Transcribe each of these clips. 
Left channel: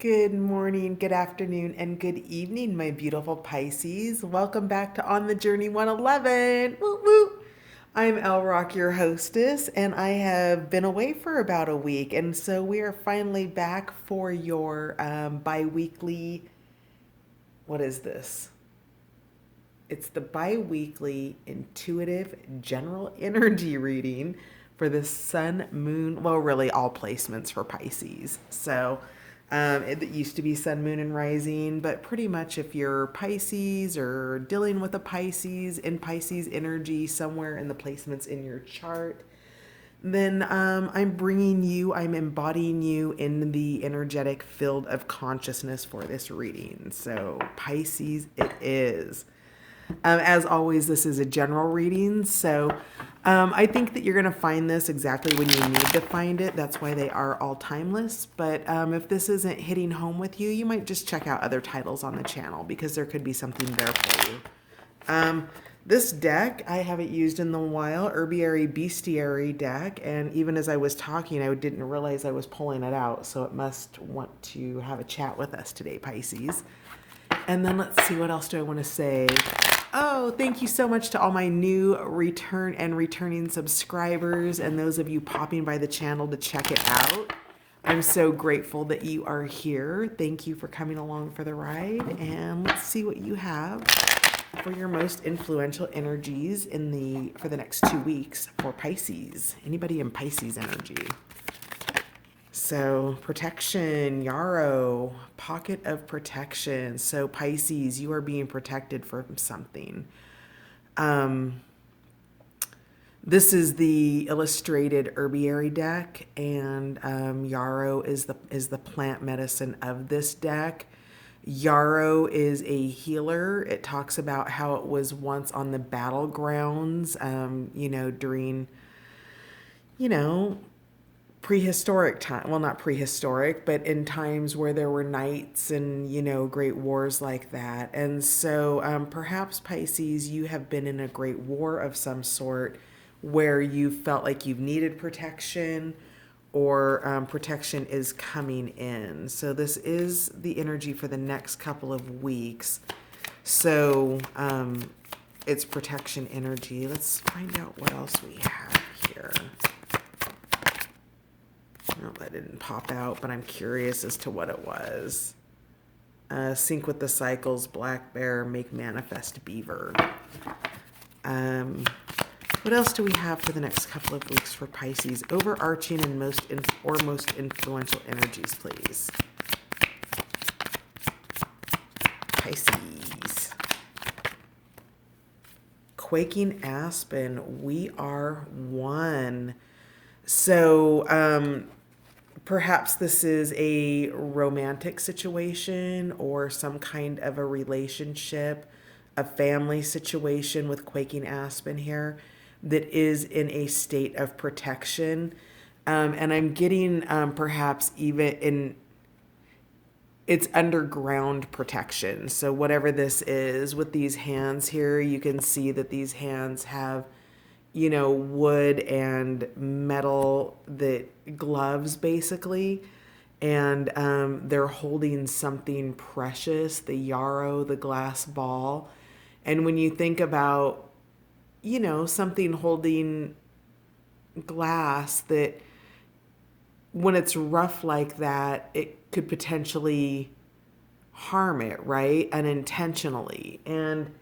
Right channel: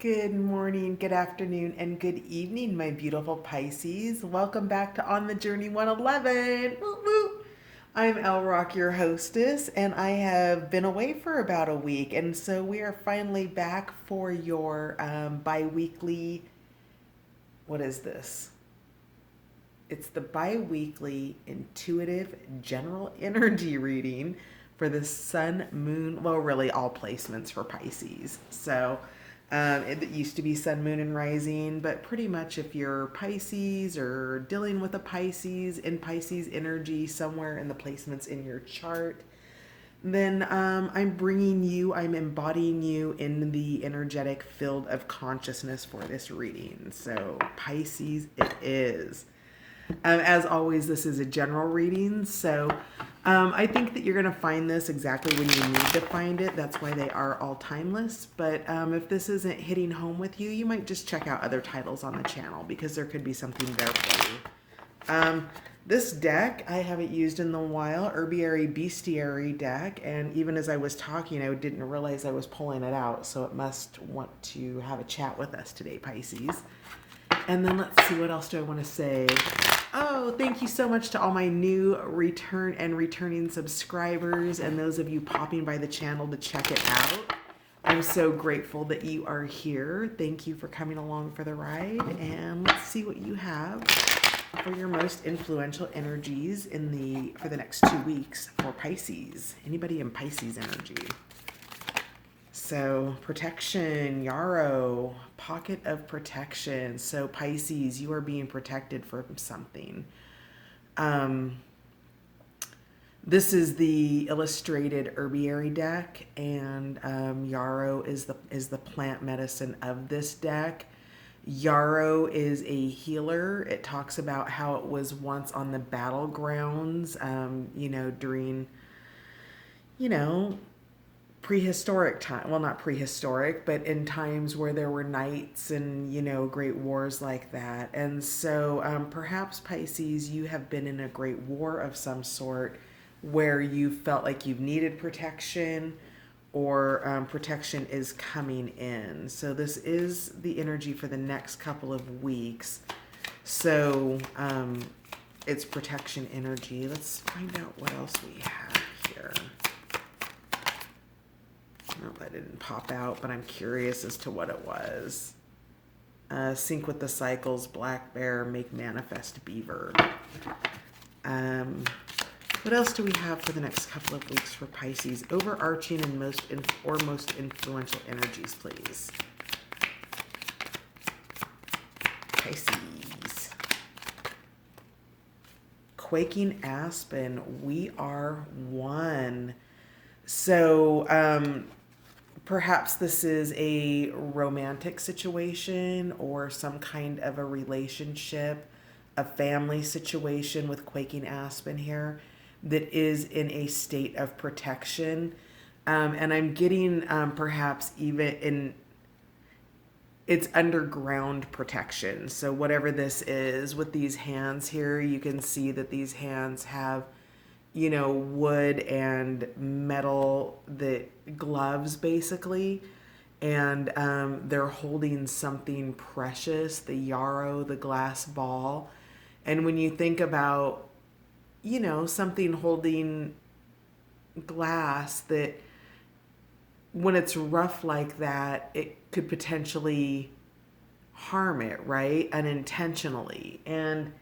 Good morning, good afternoon, and good evening, my beautiful Pisces. Welcome back to On the Journey 111. Woo woo. I'm El Rock, your hostess, and I have been away for about a week, and so we are finally back for your bi-weekly. What is this? It's the bi-weekly intuitive general energy reading for the sun, moon, well, really all placements for Pisces. It used to be sun, moon, and rising, but pretty much if you're Pisces or dealing with a Pisces in Pisces energy somewhere in the placements in your chart, then I'm embodying you in the energetic field of consciousness for this reading. So, Pisces, it is. As always, this is a general reading, so I think that you're going to find this exactly when you need to find it. That's why they are all timeless. But if this isn't hitting home with you, you might just check out other titles on the channel because there could be something there for you. This deck, I haven't used in a while, Herbiary Bestiary deck, and even as I was talking, I didn't realize I was pulling it out, so it must want to have a chat with us today, Pisces. And then let's see, what else do I want to say? Oh, thank you so much to all my new returning subscribers and those of you popping by the channel to check it out. I'm so grateful that you are here. Thank you for coming along for the ride. And let's see what you have for your most influential energies for the next 2 weeks for Pisces. Anybody in Pisces energy? So, protection, Yarrow, pocket of protection. So, Pisces, you are being protected from something. This is the illustrated herbiary deck, and Yarrow is the plant medicine of this deck. Yarrow is a healer. It talks about how it was once on the battlegrounds, during, you know, prehistoric time, well, not prehistoric, but in times where there were knights and great wars like that. And so perhaps, Pisces, you have been in a great war of some sort where you felt like you've needed protection, or protection is coming in. So this is the energy for the next couple of weeks. So it's protection energy. Let's find out what else we have here. Oh, that didn't pop out, but I'm curious as to what it was. Sync with the cycles, black bear, make manifest beaver. What else do we have for the next couple of weeks for Pisces? Overarching and most influential energies, please. Pisces. Quaking aspen, we are one. So, perhaps this is a romantic situation or some kind of a relationship, a family situation with quaking aspen here that is in a state of protection. And I'm getting perhaps even in it's underground protection. So whatever this is with these hands here, you can see that these hands have wood and metal, that gloves basically, and they're holding something precious, the yarrow, the glass ball. And when you think about something holding glass, that when it's rough like that, it could potentially harm it, right, unintentionally. And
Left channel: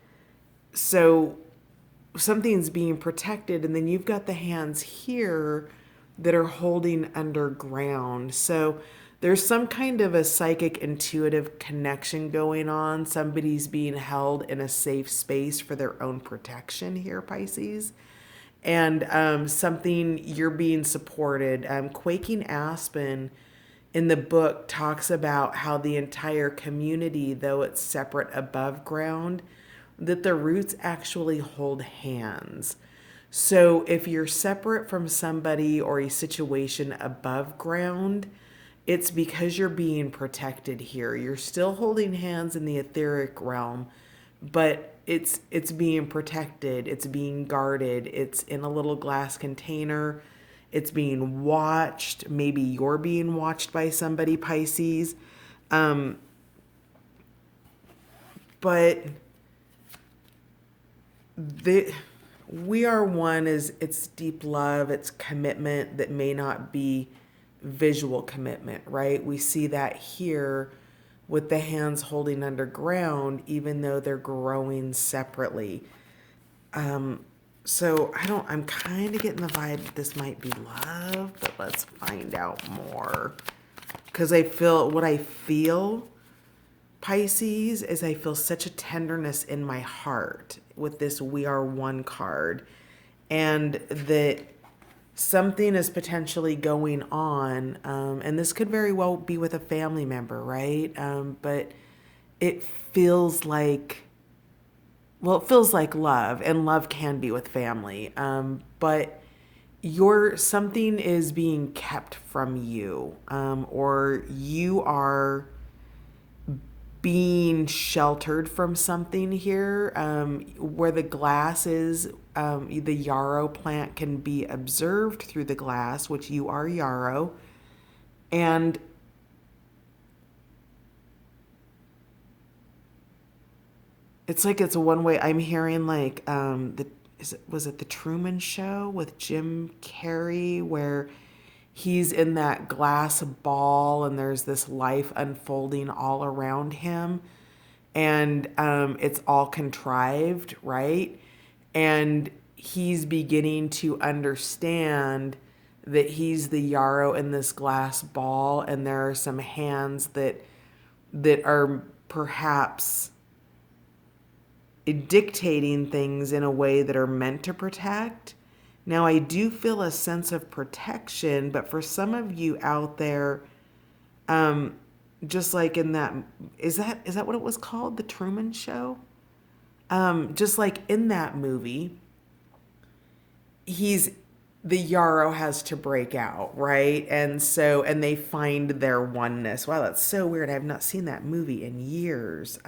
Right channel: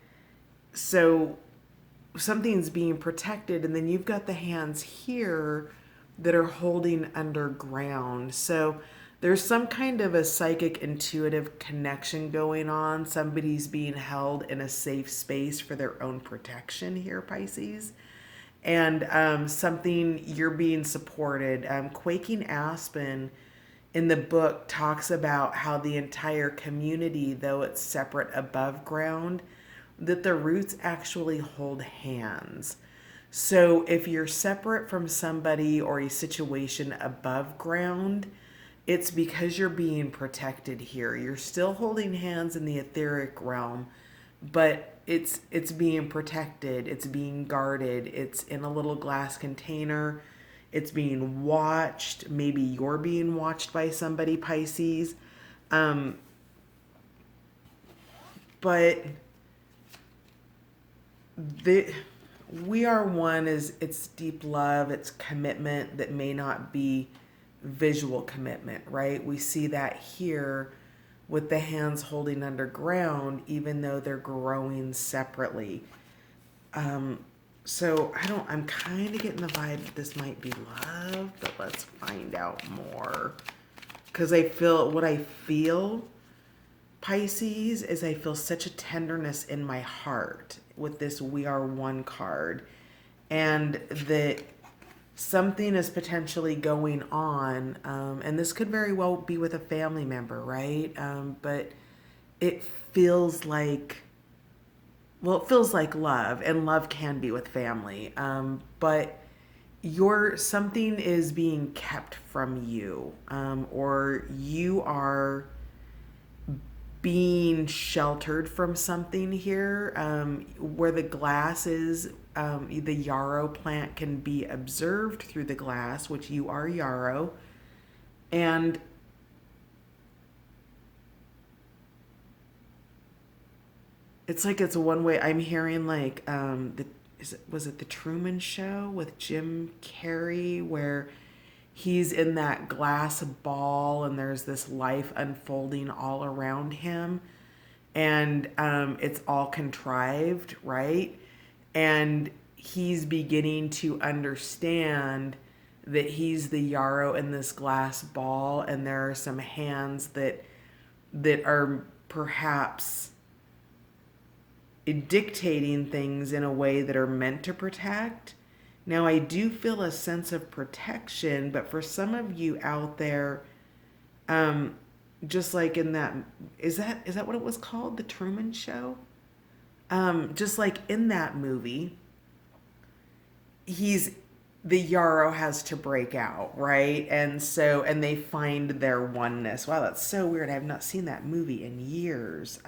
so something's being protected, and then you've got the hands here that are holding underground. So there's some kind of a psychic intuitive connection going on. Somebody's being held in a safe space for their own protection here, Pisces. And something, you're being supported. Quaking aspen in the book talks about how the entire community, though it's separate above ground, that the roots actually hold hands. So if you're separate from somebody or a situation above ground, it's because you're being protected here. You're still holding hands in the etheric realm, but it's being protected, it's being guarded, it's in a little glass container, it's being watched. Maybe you're being watched by somebody, Pisces. Um, but the we are one is it's deep love, it's commitment that may not be visual commitment, right? We see that here with the hands holding underground, even though they're growing separately. Um, so I'm kind of getting the vibe that this might be love, but let's find out more. Because what I feel, Pisces, is I feel such a tenderness in my heart with this We Are One card. And that something is potentially going on. And this could very well be with a family member, right? But it feels like it feels like love, and love can be with family. But something is being kept from you, or you are being sheltered from something here, where the glass is. The yarrow plant can be observed through the glass, which you are yarrow, and it's like it's a one way. I'm hearing like was it the Truman Show with Jim Carrey where he's in that glass ball and there's this life unfolding all around him, and it's all contrived, right? And he's beginning to understand that he's the yarrow in this glass ball, and there are some hands that are perhaps dictating things in a way that are meant to protect. Now, I do feel a sense of protection, but for some of you out there, um, just like in that, is that what it was called, the Truman Show? Just like in that movie, he's the yarrow has to break out, right? And they find their oneness. Wow, that's so weird. I have not seen that movie in years.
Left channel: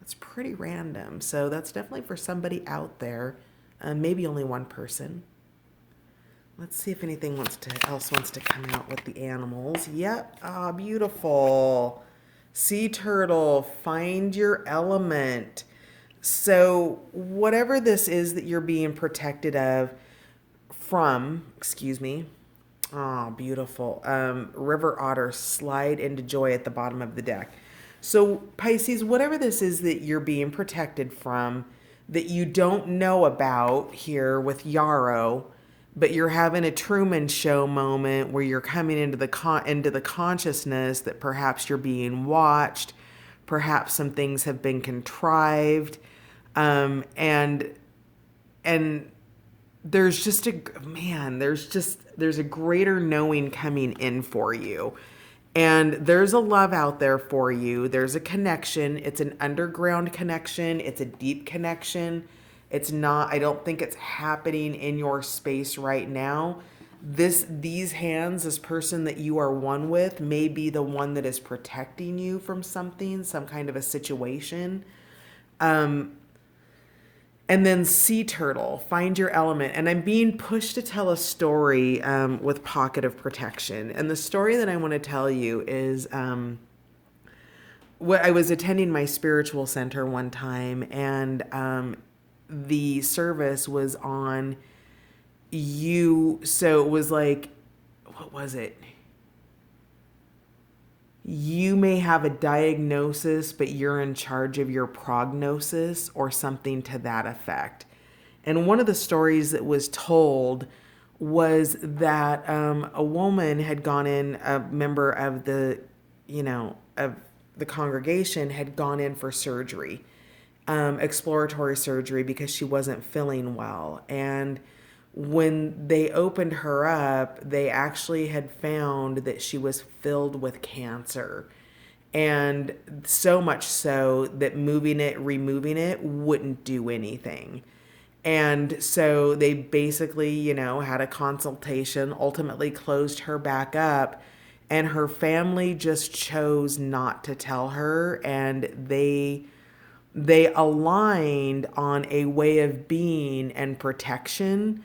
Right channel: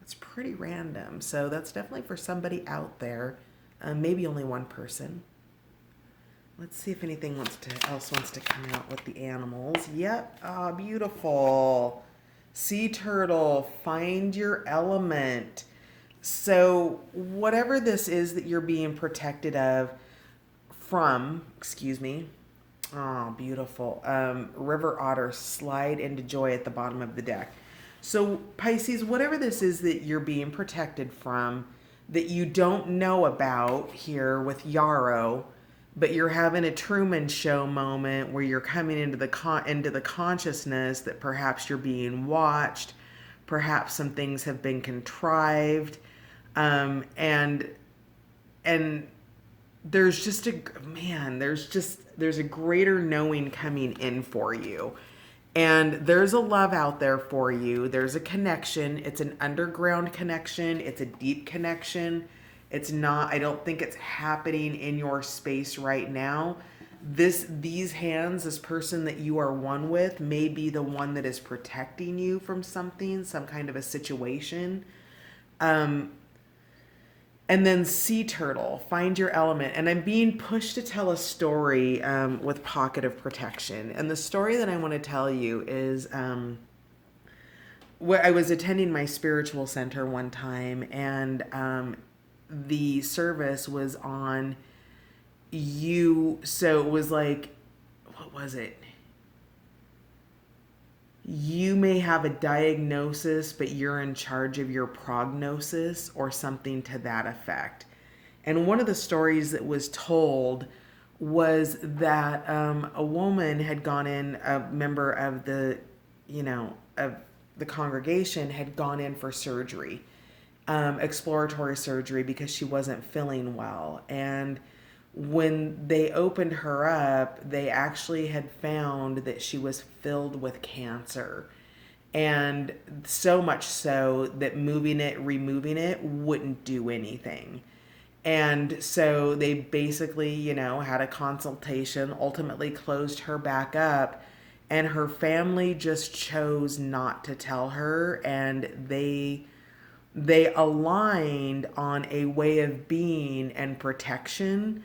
It's pretty random. So that's definitely for somebody out there. Maybe only one person. Let's see if anything else wants to come out with the animals. Yep. Ah, beautiful. Sea turtle, find your element. So whatever this is that you're being protected excuse me. Oh, beautiful. River otter, slide into joy at the bottom of the deck. So, Pisces, whatever this is that you're being protected from, that you don't know about here with Yarrow, but you're having a Truman Show moment where you're coming into the consciousness that perhaps you're being watched, perhaps some things have been contrived, and there's just a man, there's a greater knowing coming in for you. And there's a love out there for you. There's a connection. It's an underground connection. It's a deep connection. It's not, I don't think it's happening in your space right now. These hands, this person that you are one with may be the one that is protecting you from something, some kind of a situation. Um, and then sea turtle, find your element. And I'm being pushed to tell a story with pocket of protection. And the story that I want to tell you is where I was attending my spiritual center one time, and the service was on you. So it was like, what was it? You may have a diagnosis, but you're in charge of your prognosis, or something to that effect. And one of the stories that was told was that a woman had gone in, a member of of the congregation had gone in for surgery, exploratory surgery, because she wasn't feeling well. And when they opened her up, they actually had found that she was filled with cancer. And so much so that removing it wouldn't do anything. And so they basically, had a consultation, ultimately closed her back up, and her family just chose not to tell her, and they aligned on a way of being and protection,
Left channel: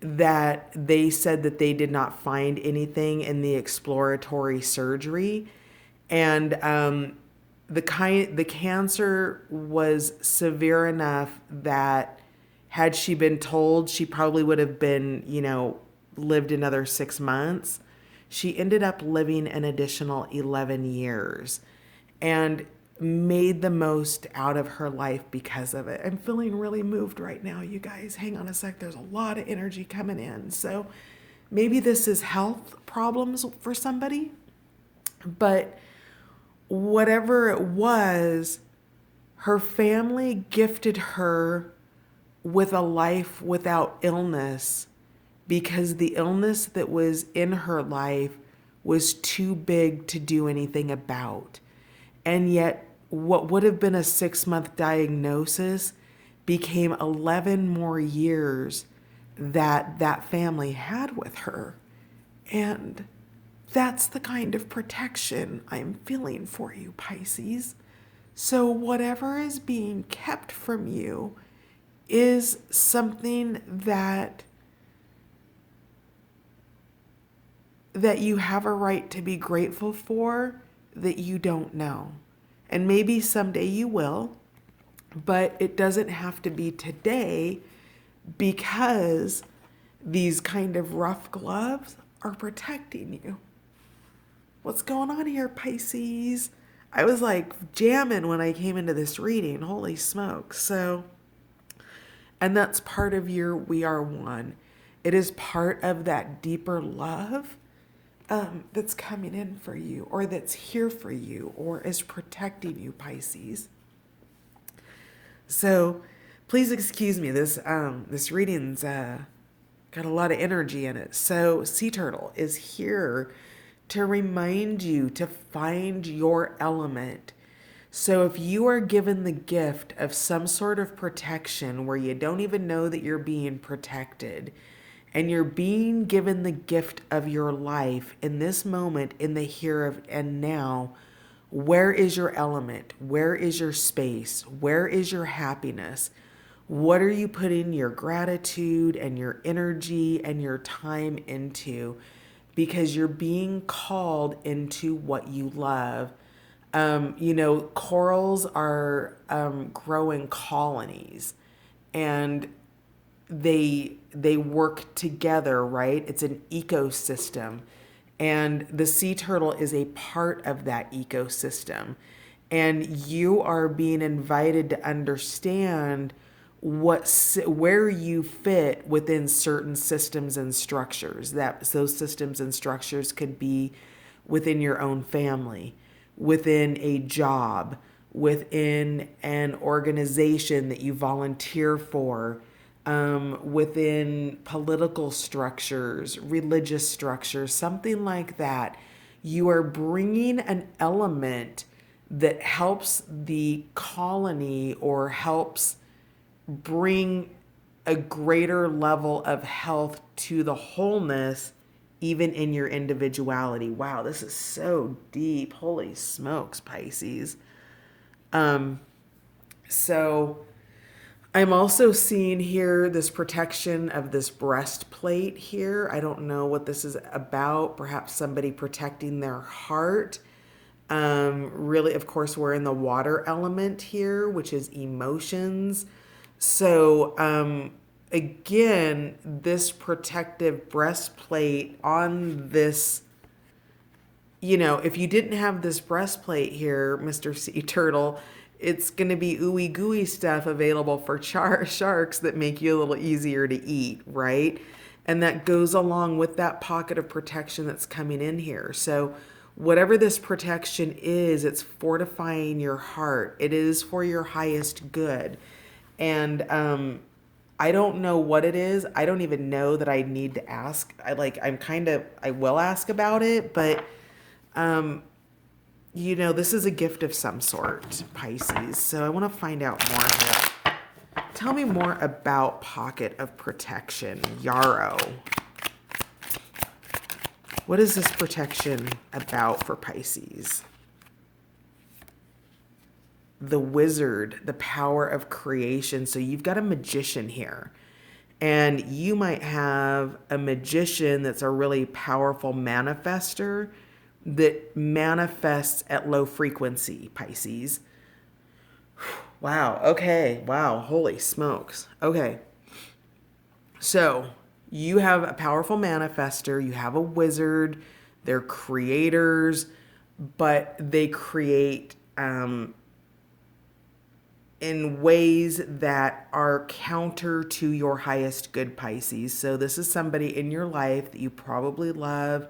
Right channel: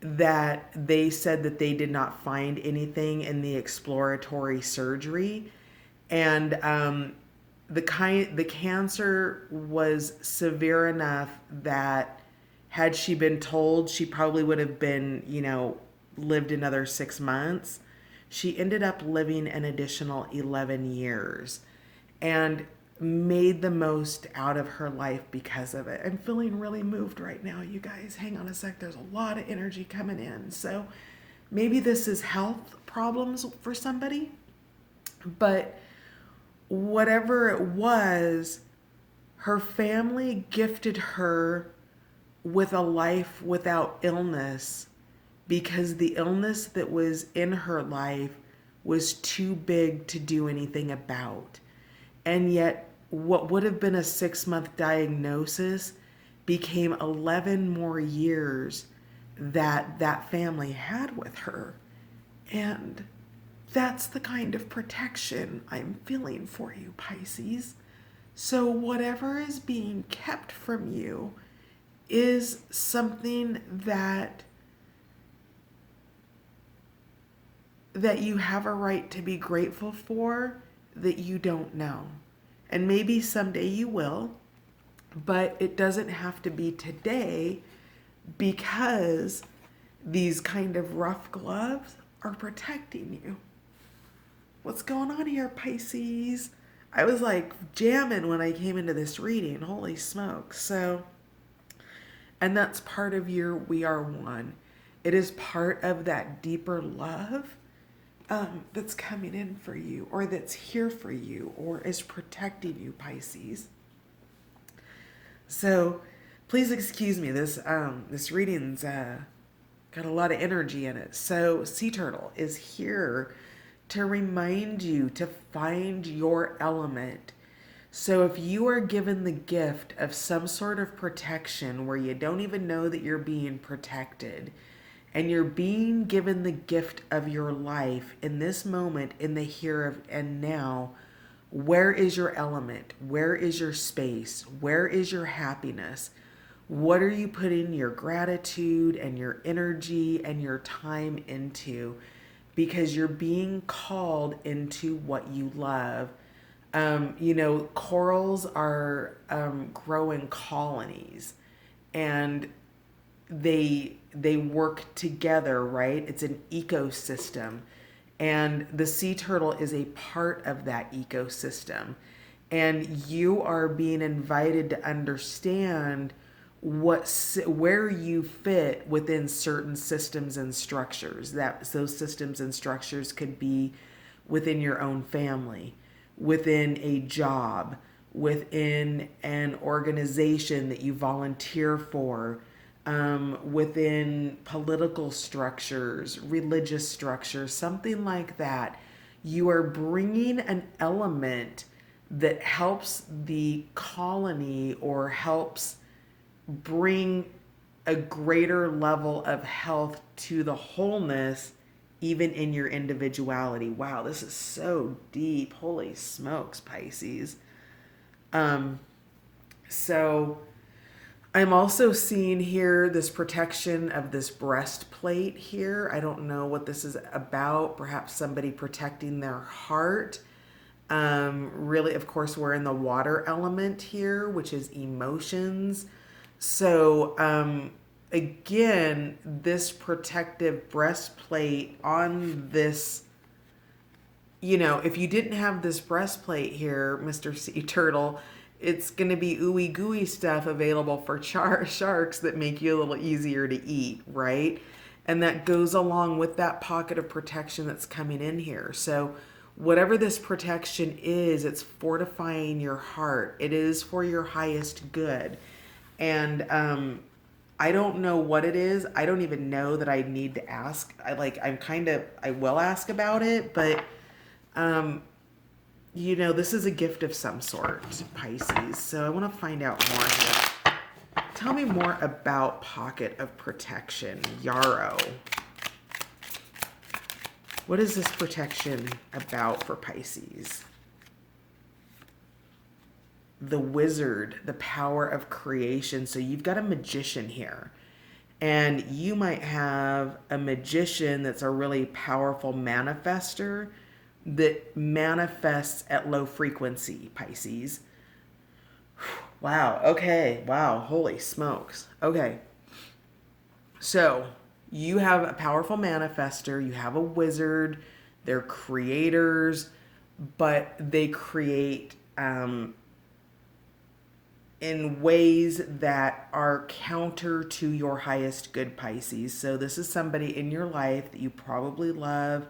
that they said that they did not find anything in the exploratory surgery. And the cancer was severe enough that had she been told, she probably would have been, lived another 6 months. She ended up living an additional 11 years and made the most out of her life because of it. I'm feeling really moved right now, you guys. Hang on a sec. There's a lot of energy coming in. So maybe this is health problems for somebody, but whatever it was, her family gifted her with a life without illness because the illness that was in her life was too big to do anything about. And yet, what would have been a 6 month diagnosis became 11 more years that that family had with her. And that's the kind of protection I'm feeling for you, Pisces. So, whatever is being kept from you is something that you have a right to be grateful for that you don't know. And maybe someday you will, but it doesn't have to be today because these kind of rough gloves are protecting you. What's going on here, Pisces? I was like jamming when I came into this reading. Holy smokes. So, and that's part of your We Are One. It is part of that deeper love that's coming in for you, or that's here for you, or is protecting you, Pisces. So please excuse me. This reading's got a lot of energy in it. So Sea Turtle is here to remind you to find your element. So if you are given the gift of some sort of protection where you don't even know that you're being protected, and you're being given the gift of your life in this moment, in the here and now, where is your element? Where is your space? Where is your happiness? What are you putting your gratitude and your energy and your time into? Because you're being called into what you love. Corals are growing colonies, and they work together, right? It's an ecosystem, and the sea turtle is a part of that ecosystem. And you are being invited to understand where you fit within certain systems and structures. That those systems and structures could be within your own family, within a job, within an organization that you volunteer for, within political structures, religious structures, something like that. You are bringing an element that helps the colony or helps bring a greater level of health to the wholeness, even in your individuality. Wow, this is so deep. Holy smokes, Pisces. So I'm also seeing here this protection of this breastplate here. I don't know what this is about. Perhaps somebody protecting their heart. Really, of course, we're in the water element here, which is emotions. So, again, this protective breastplate on this, if you didn't have this breastplate here, Mr. Sea Turtle, it's going to be ooey gooey stuff available for sharks that make you a little easier to eat, right? And that goes along with that pocket of protection that's coming in here. So, whatever this protection is, it's fortifying your heart. It is for your highest good. And I don't know what it is. I don't even know that I need to ask. I will ask about it, but this is a gift of some sort, Pisces. So I want to find out more here. Tell me more about pocket of protection, Yarrow. What is this protection about for Pisces? The wizard, the power of creation. So you've got a magician here. And you might have a magician that's a really powerful manifestor, that manifests at low frequency, Pisces. Wow. Okay. Wow. Holy smokes. Okay. So you have a powerful manifestor, you have a wizard, they're creators, but they create in ways that are counter to your highest good, Pisces. So this is somebody in your life that you probably love,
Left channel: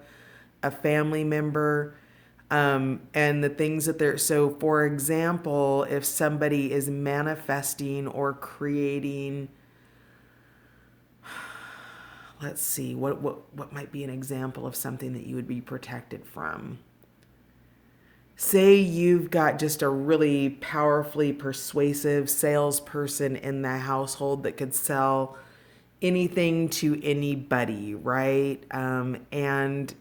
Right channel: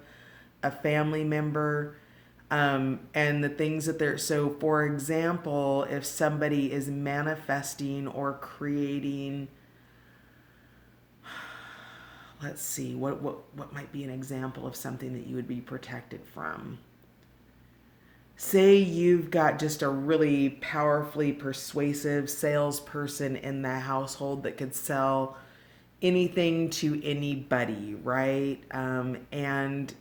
a family member, and the things that they're. So, for example, if somebody is manifesting or creating, let's see, what might be an example of something that you would be protected from? Say you've got just a really powerfully persuasive salesperson in the household that could sell anything to anybody, right? And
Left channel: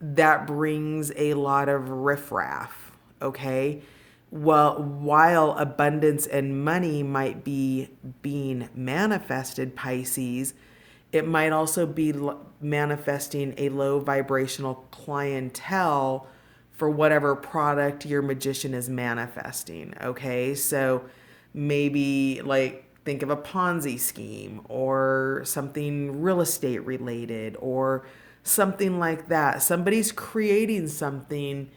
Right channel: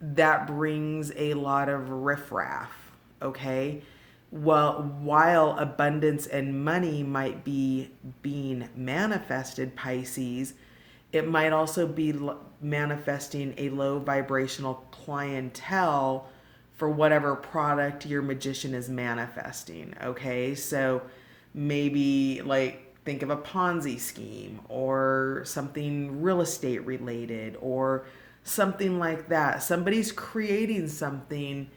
that brings a lot of riffraff, okay? Well, while abundance and money might be being manifested, Pisces, it might also be manifesting a low vibrational clientele for whatever product your magician is manifesting, okay? So maybe like think of a Ponzi scheme or something real estate related or something like that. Somebody's creating something,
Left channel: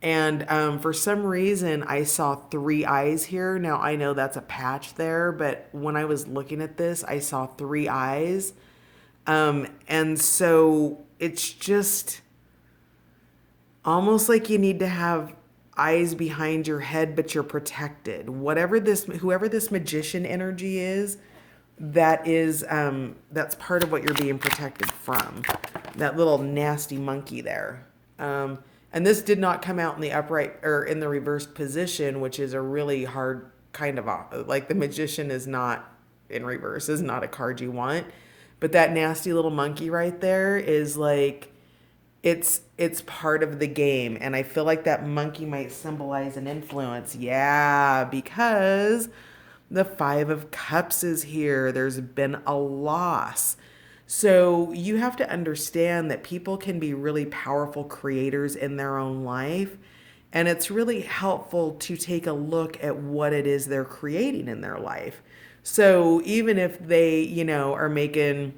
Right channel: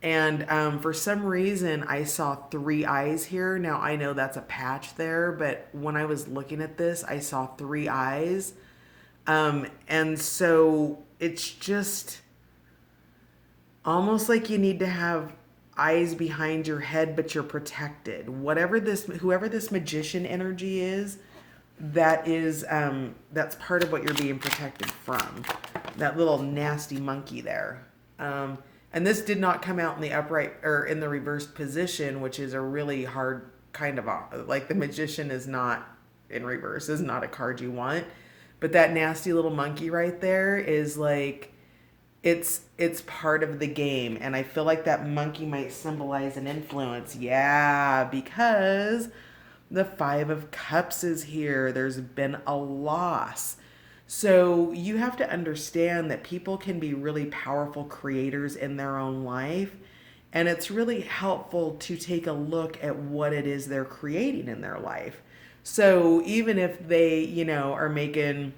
and for some reason, I saw three eyes here. Now, I know that's a patch there, but when I was looking at this, I saw three eyes. And so it's just almost like you need to have eyes behind your head, but you're protected. Whoever this magician energy is, that's part of what you're being protected from. That little nasty monkey there. And this did not come out in the upright or in the reversed position, which is a really hard kind of like the magician is not in reverse, is not a card you want. But that nasty little monkey right there is like it's part of the game, and I feel like that monkey might symbolize an influence. Yeah, because the 5 of Cups is here. There's been a loss. So you have to understand that people can be really powerful creators in their own life. And it's really helpful to take a look at what it is they're creating in their life. So even if they, are making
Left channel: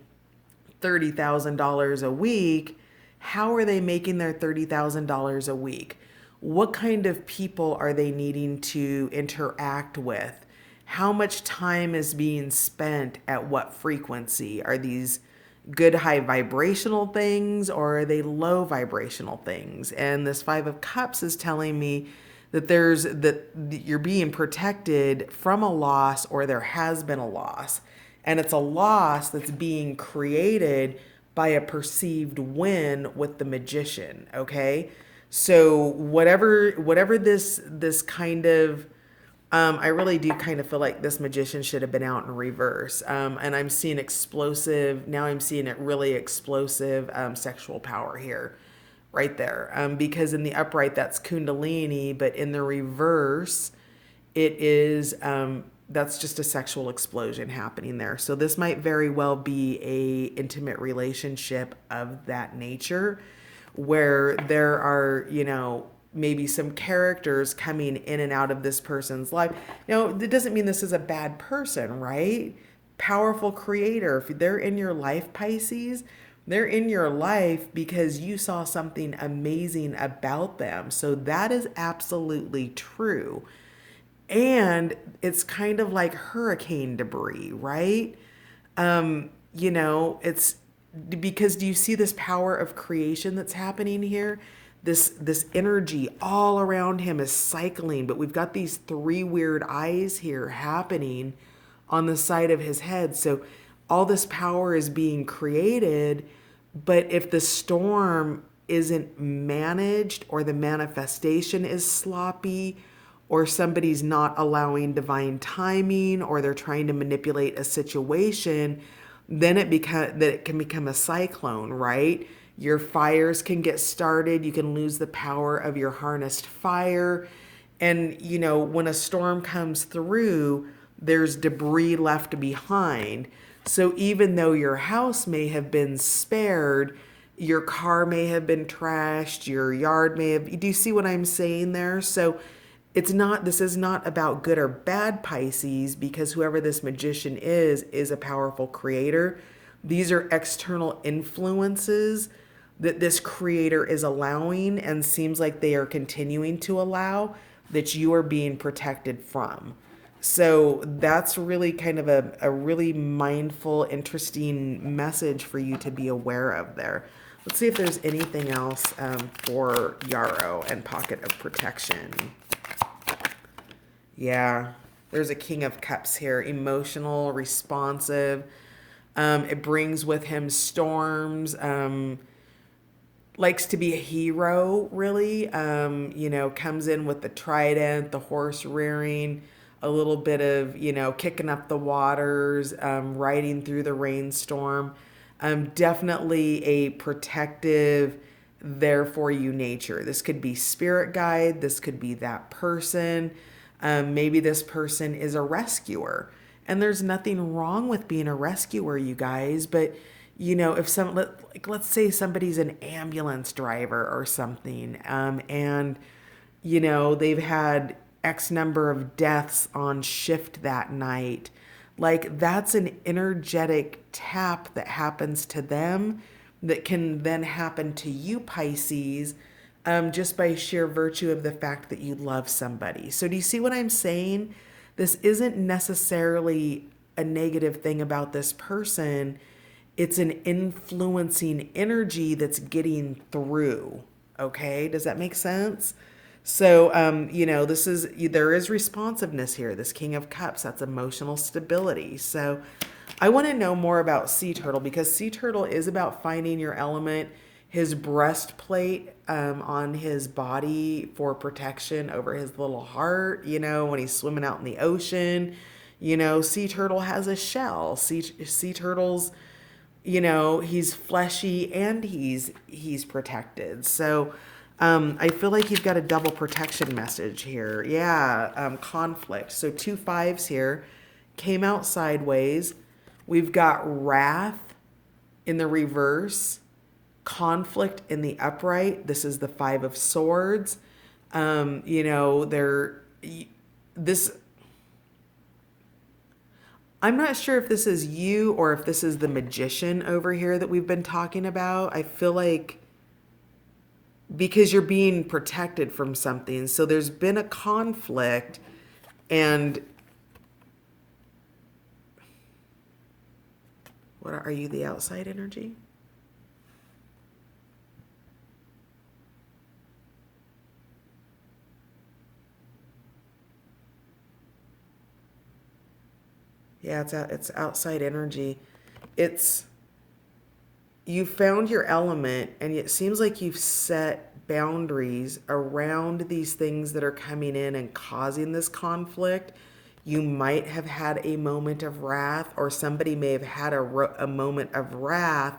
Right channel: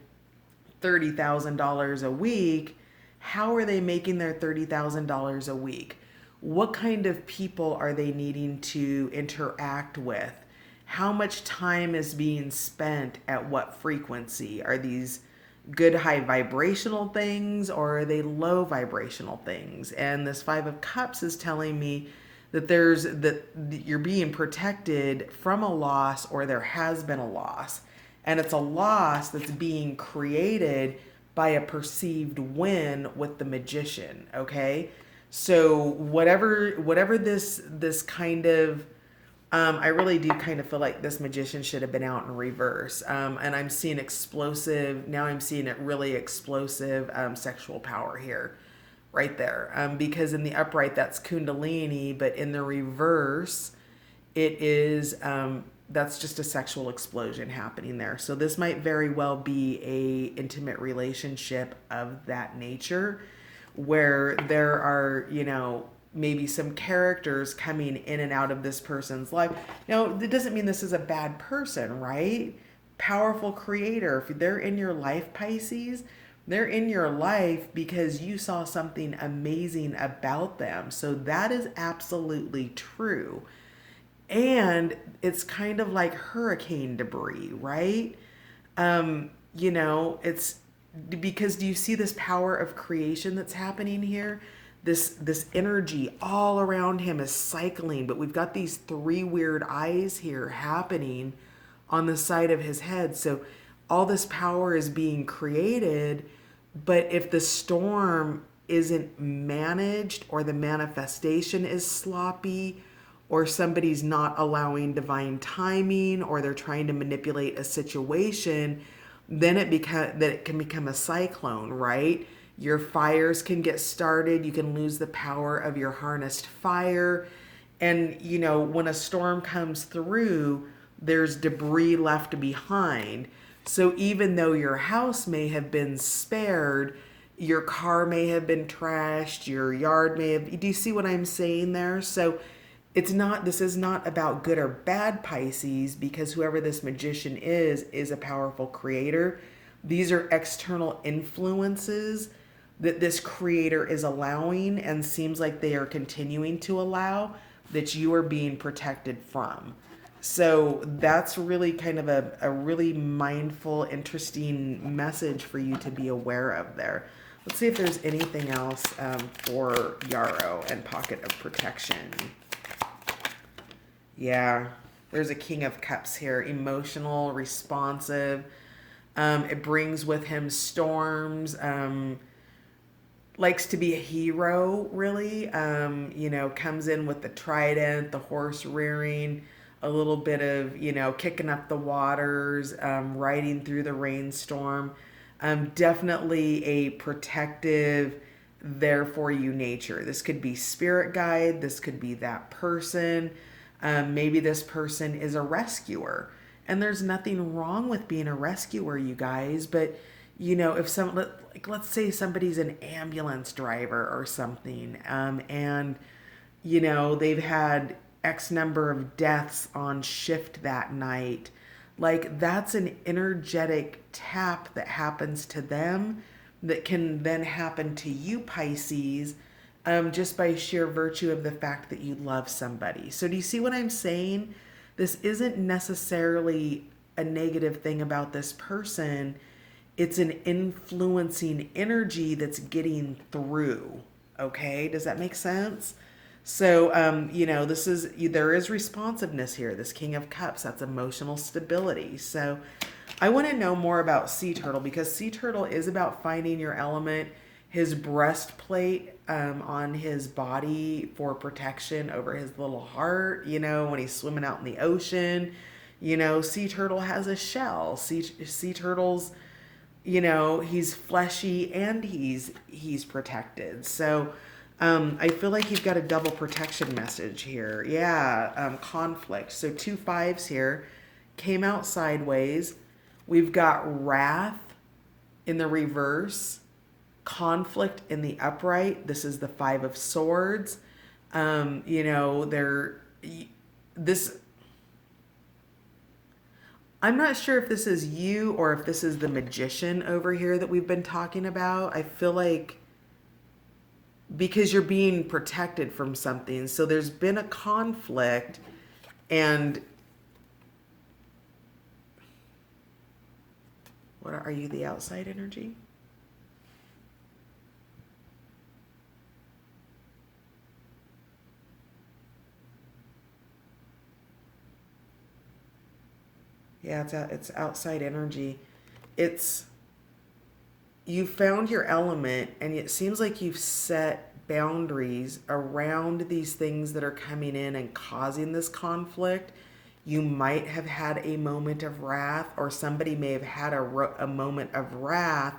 $30,000 a week, how are they making their $30,000 a week? What kind of people are they needing to interact with? How much time is being spent at what frequency? Are these good high vibrational things or are they low vibrational things? And this 5 of Cups is telling me that you're being protected from a loss, or there has been a loss. And it's a loss that's being created by a perceived win with the magician, okay? So whatever this kind of I really do kind of feel like this magician should have been out in reverse. And I'm seeing explosive, now I'm seeing it really explosive sexual power here, right there. Because in the upright, that's Kundalini, but in the reverse, it is, that's just a sexual explosion happening there. So this might very well be a intimate relationship of that nature where there are, maybe some characters coming in and out of this person's life. Now, it doesn't mean this is a bad person, right? Powerful creator. If they're in your life, Pisces, they're in your life because you saw something amazing about them. So that is absolutely true. And it's kind of like hurricane debris, right? It's because do you see this power of creation that's happening here? This energy all around him is cycling, but we've got these three weird eyes here happening on the side of his head. So all this power is being created, but if the storm isn't managed or the manifestation is sloppy or somebody's not allowing divine timing or they're trying to manipulate a situation, then it can become a cyclone, right? Your fires can get started. You can lose the power of your harnessed fire. And, when a storm comes through, there's debris left behind. So even though your house may have been spared, Your car may have been trashed, your yard may have. Do you see what I'm saying there? So this is not about good or bad Pisces, because whoever this magician is a powerful creator. These are external influences that this creator is allowing, and seems like they are continuing to allow, that you are being protected from. So that's really kind of a really mindful, interesting message for you to be aware of there. Let's see if there's anything else for Yarrow and Pocket of Protection. Yeah, there's a King of Cups here. Emotional, responsive. It brings with him storms. Likes to be a hero, really. Comes in with the trident, the horse rearing, a little bit of, kicking up the waters, riding through the rainstorm. Definitely a protective, there for you nature. This could be spirit guide. This could be that person. Maybe this person is a rescuer. And there's nothing wrong with being a rescuer, you guys. But, if let's say somebody's an ambulance driver or something, and, they've had X number of deaths on shift that night. Like, that's an energetic tap that happens to them that can then happen to you, Pisces, just by sheer virtue of the fact that you love somebody. So, do you see what I'm saying? This isn't necessarily a negative thing about this person. It's an influencing energy that's getting through. Okay, does that make sense? So, there is responsiveness here. This King of Cups, that's emotional stability. So, I want to know more about Sea Turtle, because Sea Turtle is about finding your element. His breastplate on his body for protection over his little heart, when he's swimming out in the ocean. Sea Turtle has a shell. Sea Turtle's, he's fleshy and he's protected. So, I feel like you've got a double protection message here. Yeah, conflict. So 2 5s here came out sideways. We've got wrath in the reverse, conflict in the upright. This is the 5 of Swords. This. I'm not sure if this is you or if this is the magician over here that we've been talking about. I feel like, because you're being protected from something. So there's been a conflict, and are you the outside energy? Yeah, it's outside energy. It's You found your element, and it seems like you've set boundaries around these things that are coming in and causing this conflict. You might have had a moment of wrath, or somebody may have had a moment of wrath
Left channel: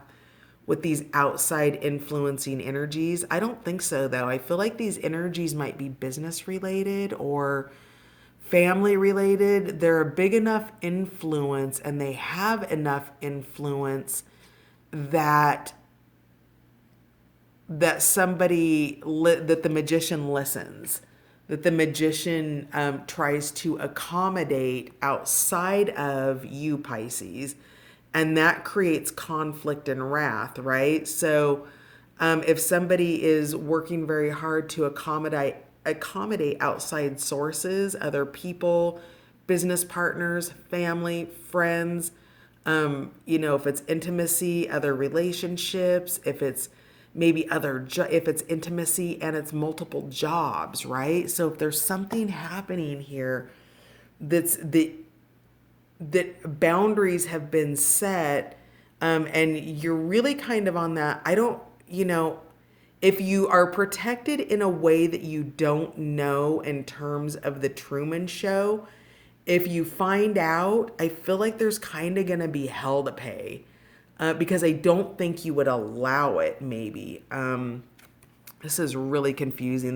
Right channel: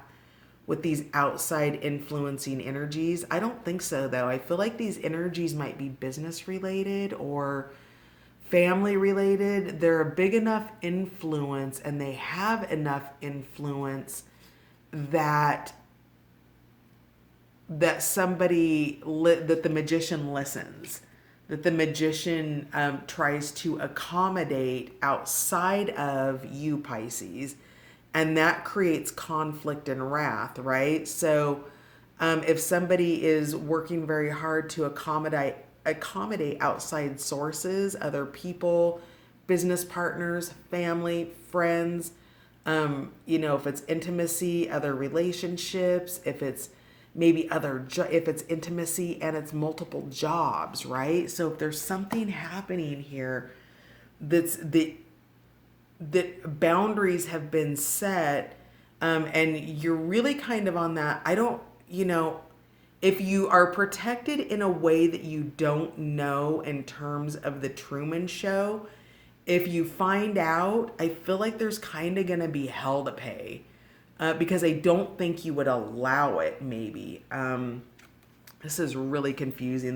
with these outside influencing energies. I don't think so, though. I feel like these energies might be business related or family related. They're a big enough influence, and they have enough influence that that the magician listens, that the magician tries to accommodate outside of you, Pisces, and that creates conflict and wrath, right? So if somebody is working very hard to accommodate outside sources, other people, business partners, family, friends, if it's intimacy, other relationships, if it's if it's intimacy and it's multiple jobs, right? So if there's something happening here that boundaries have been set, and you're really kind of on that. If you are protected in a way that you don't know in terms of the Truman Show, if you find out, I feel like there's kind of going to be hell to pay, because I don't think you would allow it, maybe. This is really confusing.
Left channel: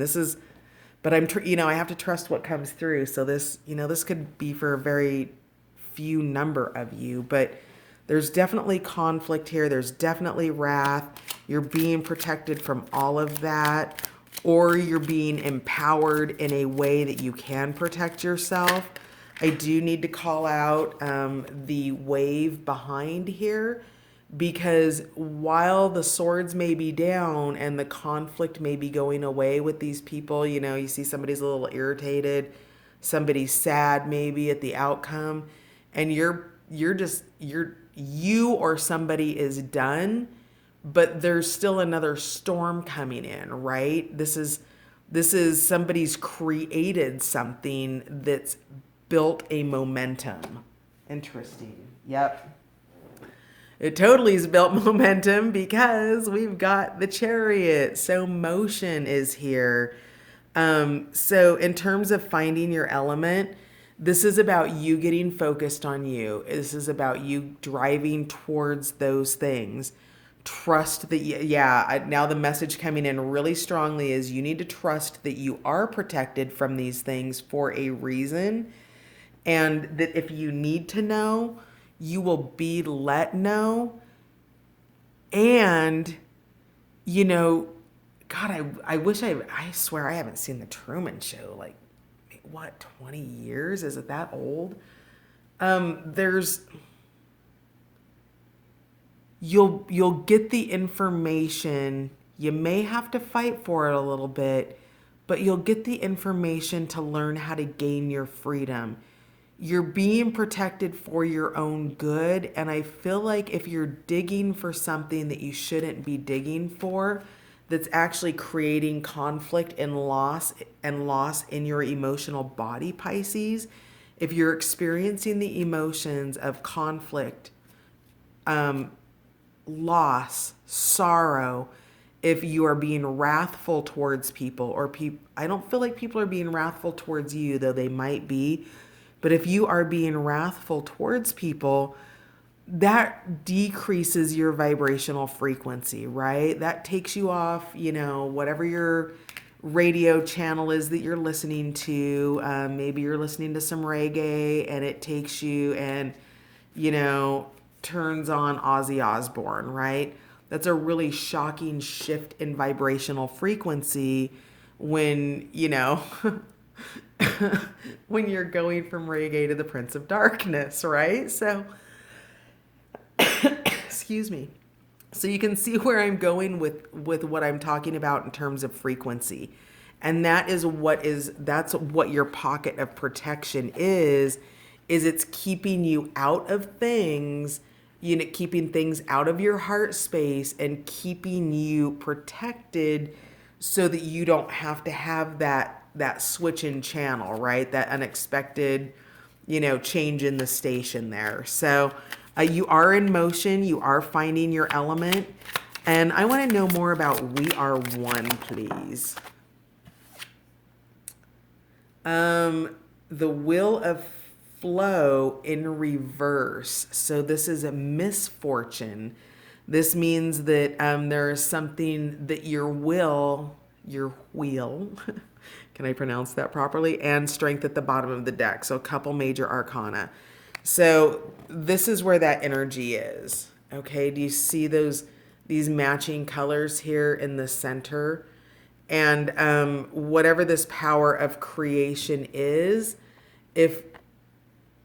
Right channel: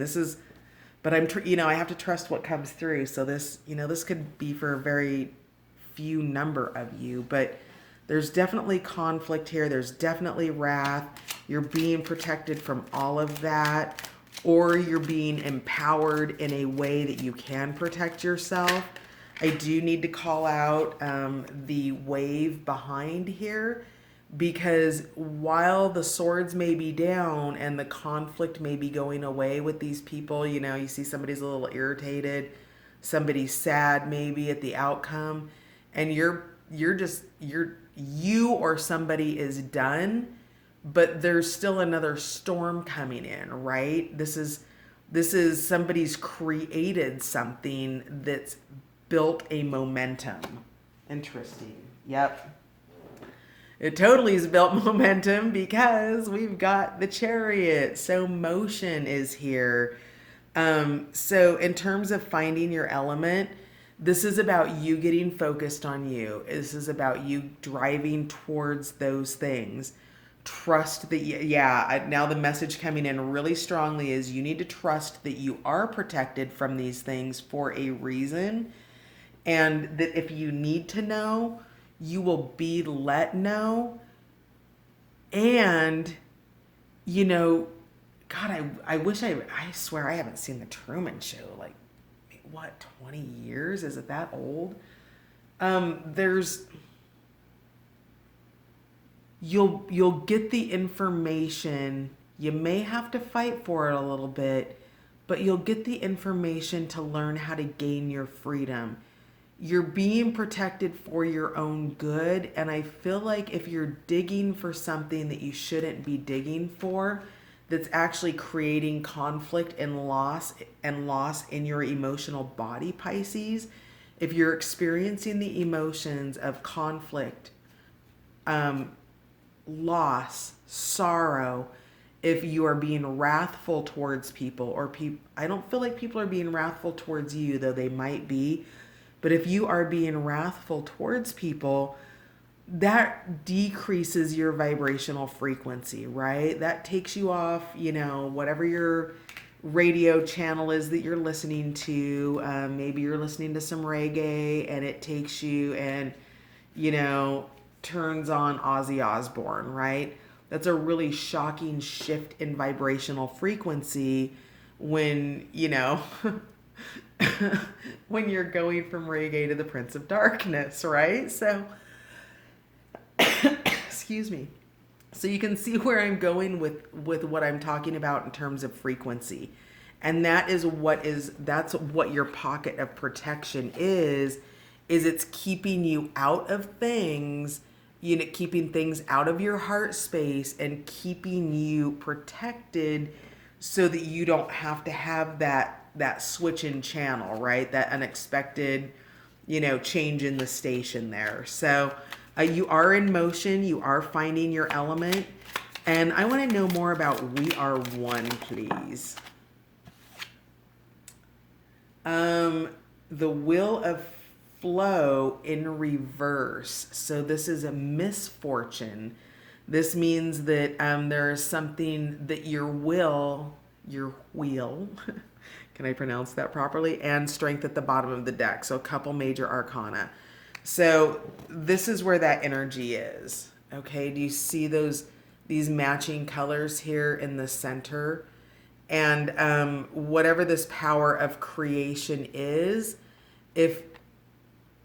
But I have to trust what comes through. So this could be for a very few number of you, but there's definitely conflict here. There's definitely wrath. You're being protected from all of that, or you're being empowered in a way that you can protect yourself. I do need to call out the wave behind here, because while the swords may be down and the conflict may be going away with these people, you see somebody's a little irritated, somebody's sad maybe at the outcome, and you or somebody is done, but there's still another storm coming in, right? This is somebody's created something that's built a momentum. Interesting. Yep. It totally has built momentum because we've got the Chariot. So motion is here. So in terms of finding your element, this is about you getting focused on you. This is about you driving towards those things. Trust that, now the message coming in really strongly is you need to trust that you are protected from these things for a reason. And that if you need to know, you will be let know. And, God, I wish I swear I haven't seen the Truman Show, like, what, 20 years? Is it that old? There's, you'll get the information. You may have to fight for it a little bit, but you'll get the information to learn how to gain your freedom. You're being protected for your own good, and I feel like if you're digging for something that you shouldn't be digging for, that's actually creating conflict and loss in your emotional body, Pisces. If you're experiencing the emotions of conflict, loss, sorrow, if you are being wrathful towards people, or I don't feel like people are being wrathful towards you, though they might be. But if you are being wrathful towards people, that decreases your vibrational frequency, right? That takes you off, whatever your radio channel is that you're listening to. Maybe you're listening to some reggae and it takes you and, turns on Ozzy Osbourne, right? That's a really shocking shift in vibrational frequency when, when you're going from reggae to the Prince of Darkness, right? So, excuse me. So you can see where I'm going with what I'm talking about in terms of frequency. And that's what your pocket of protection is it's keeping you out of things, keeping things out of your heart space and keeping you protected so that you don't have to have that switch in channel, right? That unexpected, change in the station there. So you are in motion. You are finding your element. And I want to know more about We Are One, please. The Wheel of Flow in reverse. So this is a misfortune. This means that there's something that your wheel, can I pronounce that properly? And strength at the bottom of the deck. So a couple major arcana. So this is where that energy is. Okay, do you see these matching colors here in the center? And whatever this power of creation is, if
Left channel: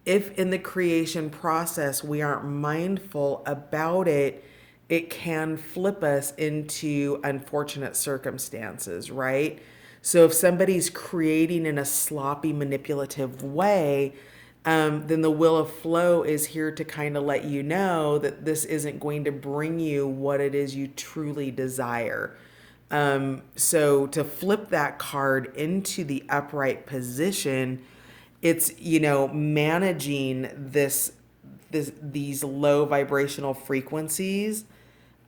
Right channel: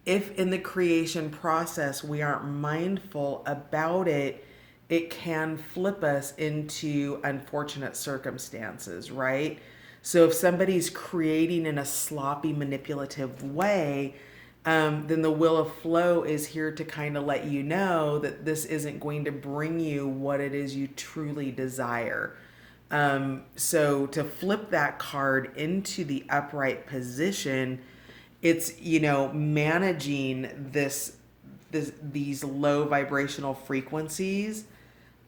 in the creation process we aren't mindful about it, it can flip us into unfortunate circumstances, right? So if somebody's creating in a sloppy, manipulative way, then the Wheel of Flow is here to kind of let you know that this isn't going to bring you what it is you truly desire. So to flip that card into the upright position, it's, managing these low vibrational frequencies,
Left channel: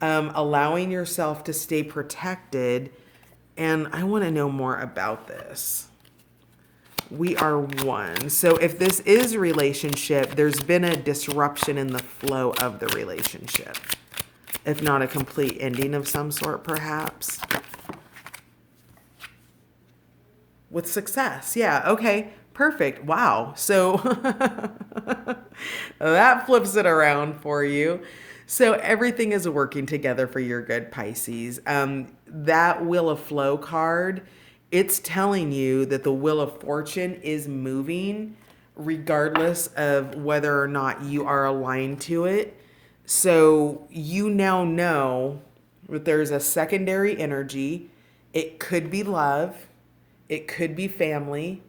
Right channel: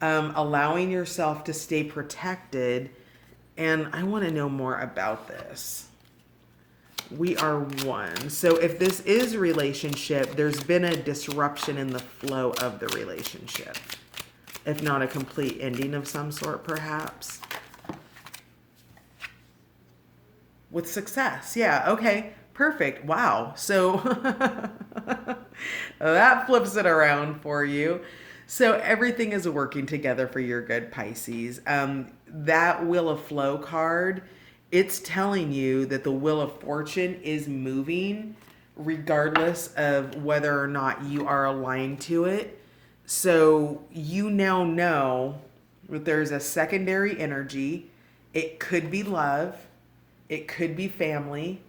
allowing yourself to stay protected. And I want to know more about this. We are one. So if this is relationship, there's been a disruption in the flow of the relationship. If not a complete ending of some sort, perhaps. With success. Yeah, okay. Perfect. Wow. So that flips it around for you. So everything is working together for your good, Pisces. That Wheel of Flow card, it's telling you that the Wheel of Fortune is moving regardless of whether or not you are aligned to it. So you now know that there's a secondary energy. It could be love, it could be family,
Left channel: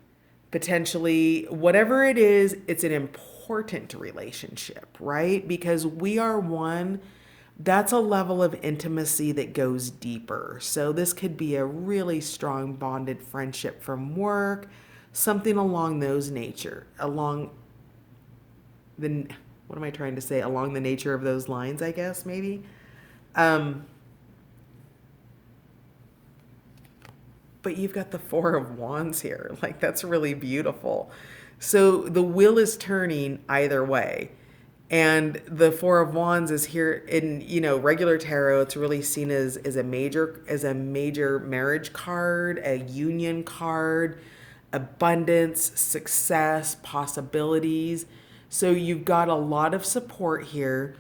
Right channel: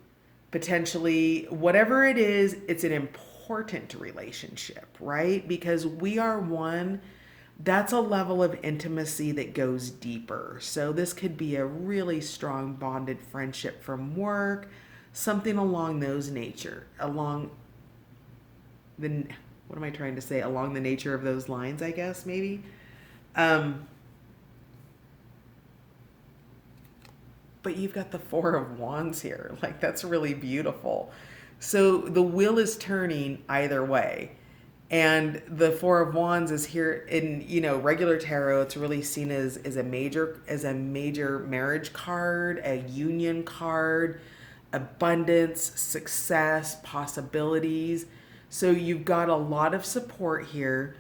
potentially whatever it is, it's an important relationship, right? Because we are one, that's a level of intimacy that goes deeper. So this could be a really strong bonded friendship from work, something along those nature, along the, what am I trying to say? Along the nature of those lines, I guess, maybe. Um, but you've got the Four of Wands here. Like, that's really beautiful. So the wheel is turning either way. And the Four of Wands is here in, regular tarot. It's really seen as a major marriage card, a union card, abundance, success, possibilities. So you've got a lot of support here.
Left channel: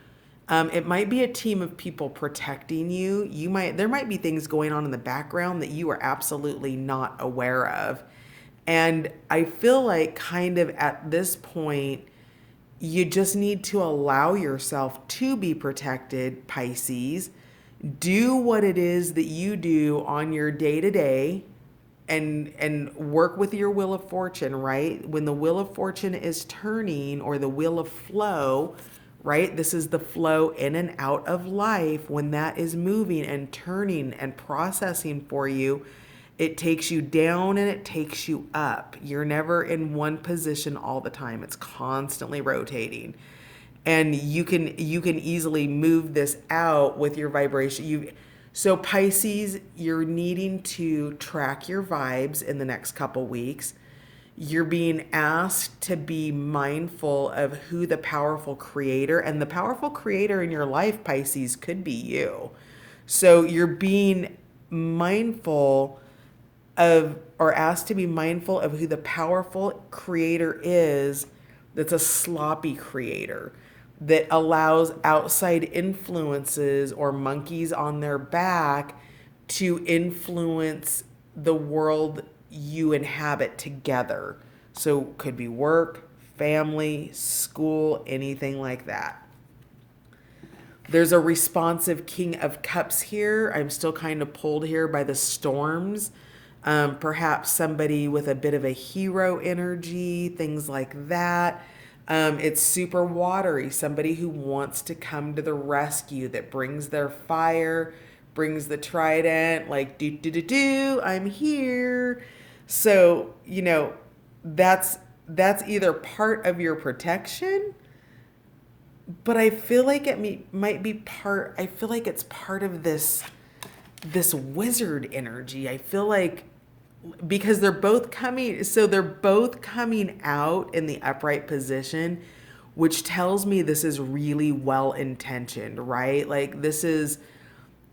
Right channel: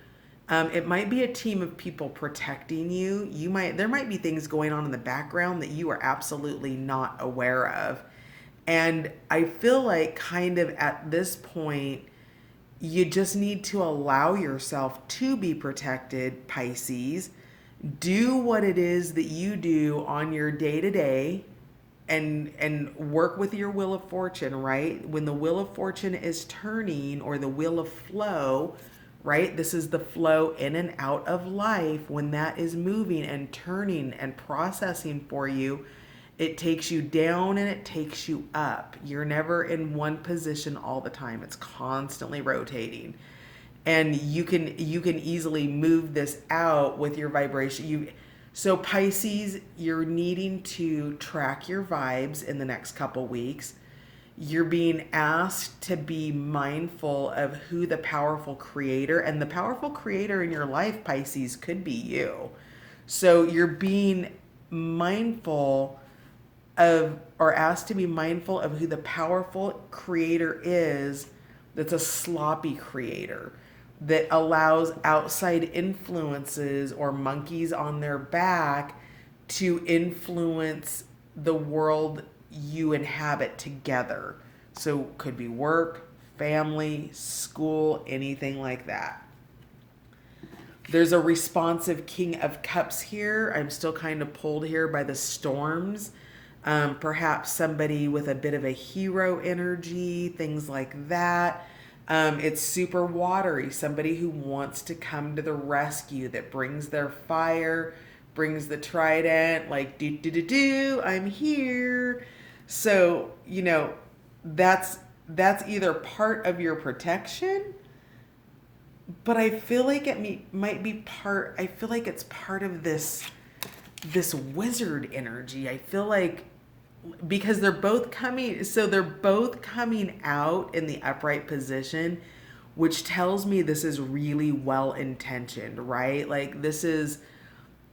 It might be a team of people protecting you. There might be things going on in the background that you are absolutely not aware of. And I feel like kind of at this point, you just need to allow yourself to be protected, Pisces. Do what it is that you do on your day to day and work with your Wheel of Fortune, right? When the Wheel of Fortune is turning, or the Wheel of Flow, right? This is the flow in and out of life. When that is moving and turning and processing for you, it takes you down and it takes you up. You're never in one position all the time. It's constantly rotating. And you can easily move this out with your vibration. So Pisces, you're needing to track your vibes in the next couple weeks. You're being asked to be mindful of who the powerful creator, and the powerful creator in your life, Pisces, could be you. So you're being mindful of, or asked to be mindful of, who the powerful creator is, that's a sloppy creator that allows outside influences or monkeys on their back to influence the world you inhabit together. So could be work, family, school, anything like that. There's a responsive King of Cups here. I'm still kind of pulled here by the storms. Perhaps somebody with a bit of a hero energy, things like that. It's super watery. Somebody who wants to come to the rescue, that brings their fire, brings the trident, like, do, do, do, do, I'm here. So, that's either part of your protection, but I feel like might be part, I feel like it's part of this wizard energy. I feel like, because they're both coming out in the upright position, which tells me this is really well intentioned, right? Like, this is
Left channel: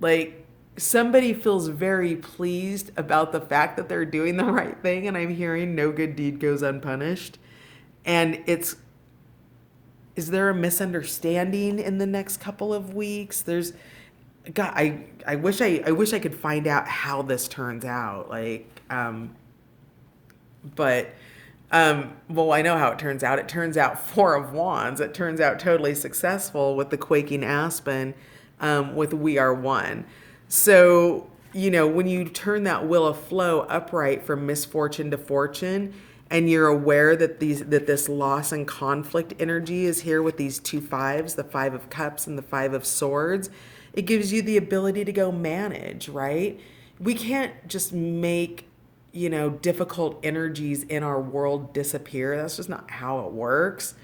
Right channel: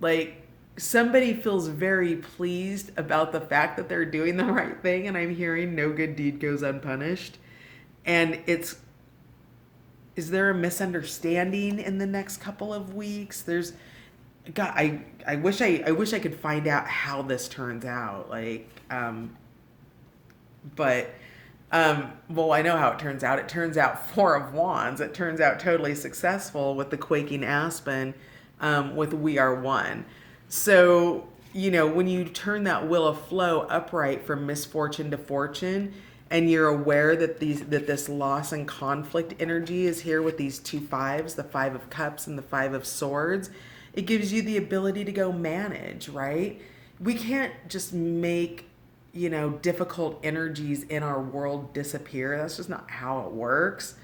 like somebody feels very pleased about the fact that they're doing the right thing, and I'm hearing no good deed goes unpunished. And is there a misunderstanding in the next couple of weeks? God, I wish I could find out how this turns out. Well, I know how it turns out. It turns out Four of Wands. It turns out totally successful with the quaking aspen, with We Are One. So, when you turn that Wheel of Flow upright from misfortune to fortune, and you're aware that this loss and conflict energy is here with these two fives, the Five of Cups and the Five of Swords, it gives you the ability to go manage, right? We can't just make, difficult energies in our world disappear. That's just not how it works.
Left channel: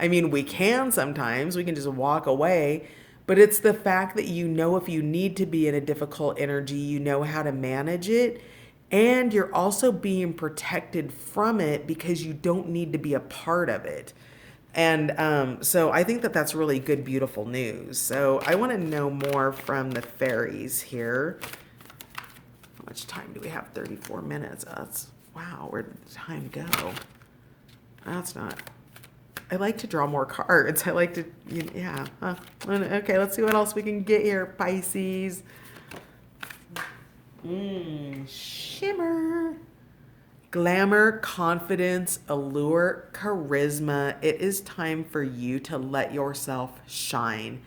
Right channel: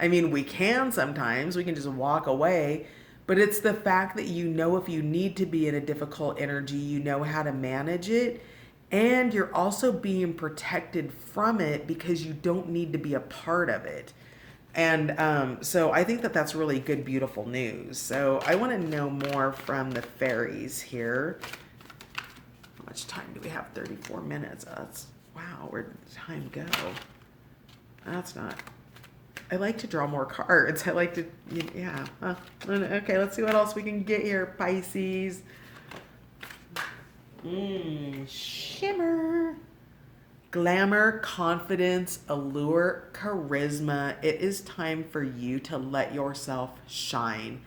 I mean, we can sometimes, we can just walk away, but it's the fact that if you need to be in a difficult energy, you know how to manage it. And you're also being protected from it because you don't need to be a part of it. And so I think that that's really good, beautiful news. So I want to know more from the fairies here. How much time do we have? 34 minutes. Wow, where did time go? That's not. I like to draw more cards. I like to, yeah. Okay, let's see what else we can get here, Pisces. Shimmer. Glamour, confidence, allure, charisma. It is time for you to let yourself shine.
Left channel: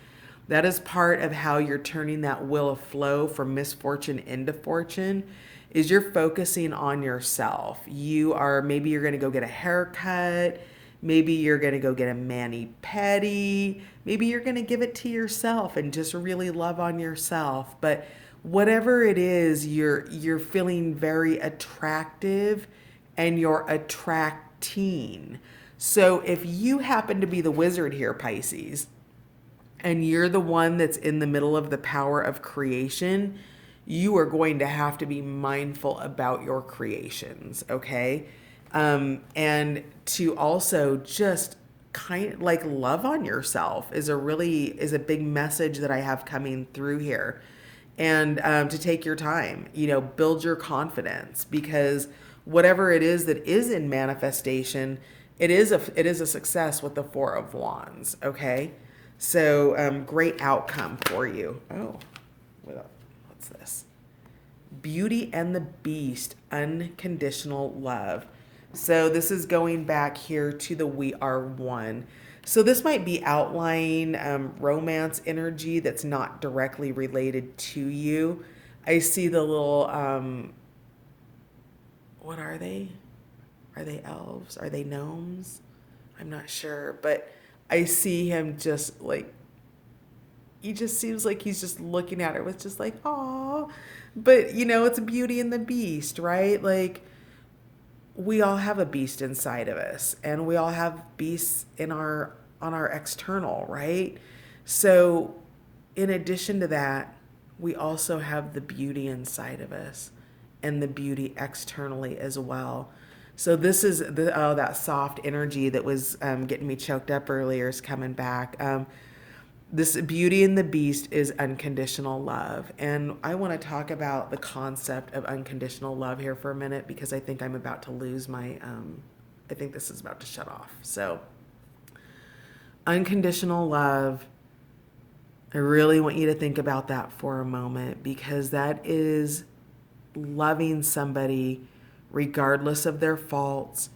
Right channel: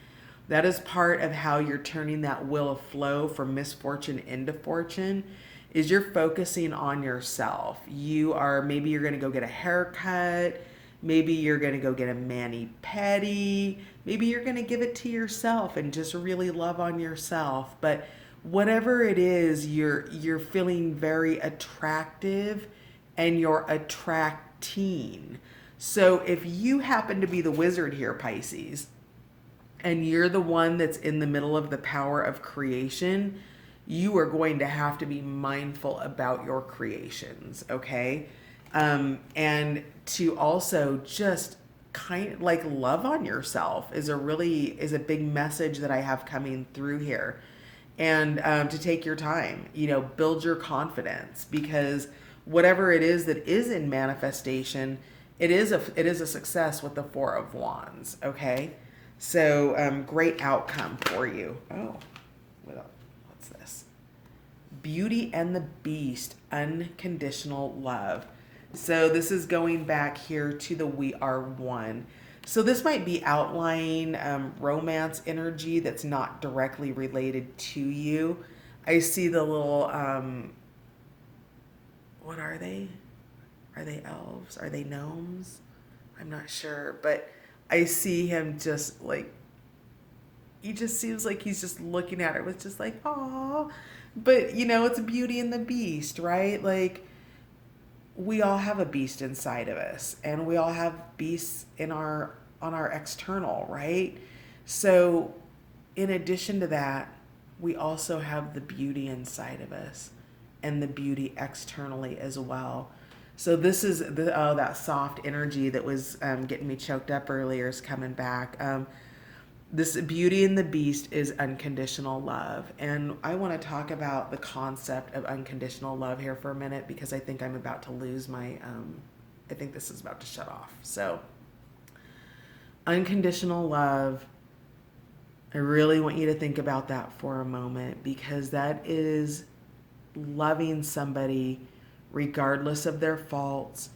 That is part of how you're turning that wheel of flow from misfortune into fortune is you're focusing on yourself. Maybe you're going to go get a haircut. Maybe you're going to go get a mani-pedi. Maybe you're going to give it to yourself and just really love on yourself. But whatever it is, you're feeling very attractive and you're attracting. So if you happen to be the wizard here, Pisces, and you're the one that's in the middle of the power of creation, you are going to have to be mindful about your creations, okay? And to also just kind of like love on yourself is a big message that I have coming through here. And to take your time, build your confidence, because whatever it is that is in manifestation, it is a success with the Four of Wands, okay? So great outcome for you. Oh, what's this? Beauty and the Beast, unconditional love. So this is going back here to the We Are One. So this might be outlying romance energy that's not directly related to you. I see the little, what are they? Are they elves? Are they gnomes? I'm not sure, but I see him just like, he just seems like he's just looking at her with just like, oh, but it's Beauty and the Beast, right? Like, we all have a beast inside of us, and we all have beasts on our external, right? So in addition to that, we also have the beauty inside of us and the beauty externally as well. So this is that soft energy that was getting me choked up earlier is coming back. This Beauty and the Beast is unconditional love. And I want to talk about the concept of unconditional love here for a minute, because I think I'm about to lose my, I think this is about to shut off. So unconditional love, I really want you to think about that for a moment, because that is loving somebody regardless of their faults,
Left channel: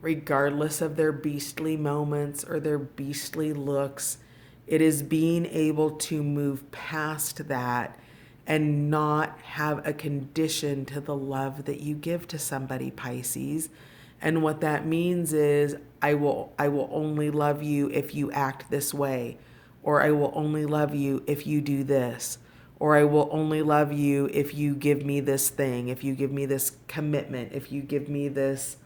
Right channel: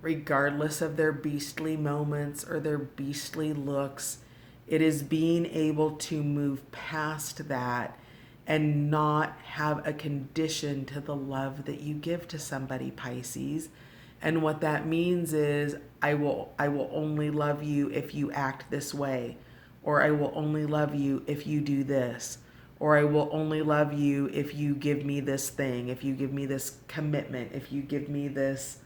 regardless of their beastly moments or their beastly looks. It is being able to move past that and not have a condition to the love that you give to somebody, Pisces. And what that means is I will only love you if you act this way, or I will only love you if you do this, or I will only love you if you give me this thing, if you give me this commitment, if you give me this